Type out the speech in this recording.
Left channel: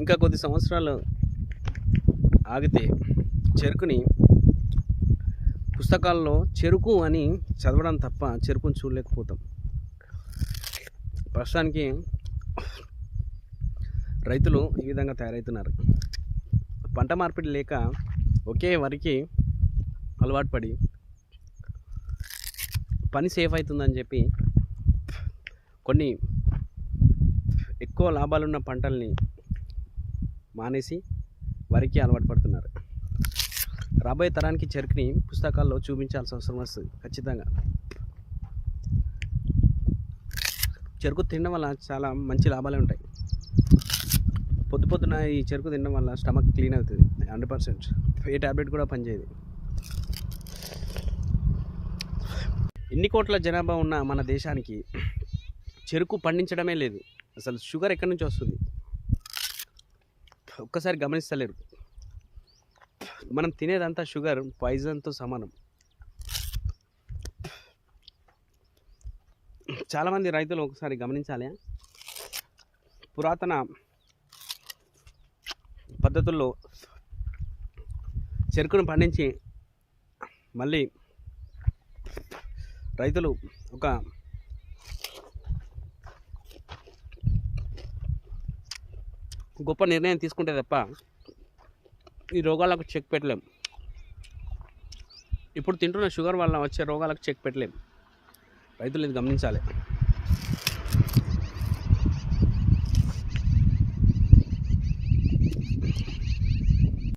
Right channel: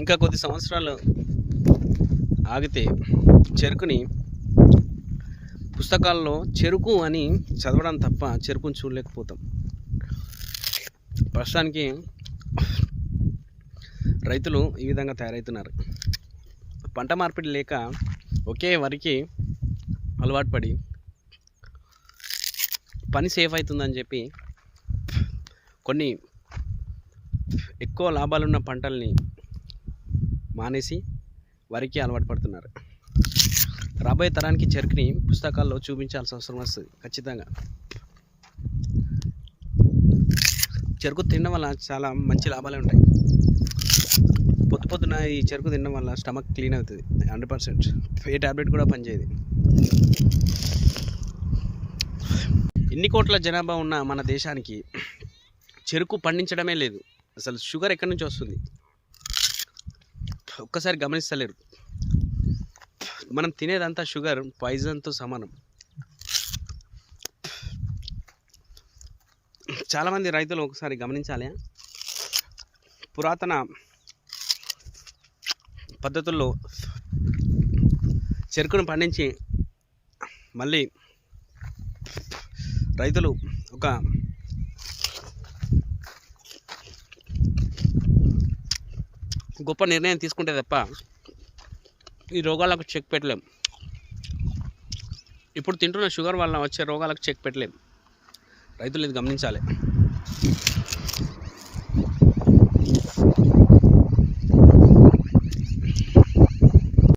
ఇంకా కొద్ది సంవత్సరాలు ఆగితే చెరుకుని పుస్తకాల్లో చెరుకు అని చదవడం తప్ప చెరుకుని చూడలేకపోతాం. ప్రస్తుతానికి రైతులు ఈ విధంగా తయారవుతున్నారు. పంట మార్పిడి లేక ఒకే వరికి అలవాటు పడి పని సేఫ్ అవుతుందని చెప్పి కొన్ని ఎక్కువ లాభాలున్న పంటల్ని మానేసి వరికి అలవాటు పడుతున్నారు. రాబోయే తరానికి చెరుకుని పుస్తకాల్లో చూపించాల్సిన అవసరం వస్తుంది ఖచ్చితంగా. చెరుకు తినడం వల్ల చాలా మంచి లాభాలే ఉంటాయి. పొద్దున ఈ చెరుకు తినడం వల్ల స్టమక్ క్లీన్ అవుతుంది 100%. ఏ ట్యాబ్లెట్ కూడా పనిచేయదు. ఇన్ని కోట్ల జనాభా ఉన్న మన దేశానికి చెరుకు పండించడమే లేదు. అసలు షుగర్ ఎక్కడి నుంచి వస్తుంది ఒక్కసారి గమనిస్తలేరు. మనం తినేదంతా షుగర్ పాయిజన్తో సమానం. చాలామంది రైతులు ఒకసారి గమనించాలి. పురాతన పద్ధతుల్లో చెరుకును పండించి మళ్ళీ రైతులు ఒక గొప్ప నిర్ణయం తీసుకుంటే తప్ప ఈ రోగాలకు చెక్ పెట్టలేం. ఇప్పుడు తింటున్న షుగర్ వల్ల వచ్చే రోగాలకు చెక్ పెట్టలేం. రైతులు ఇది గమనించాలి.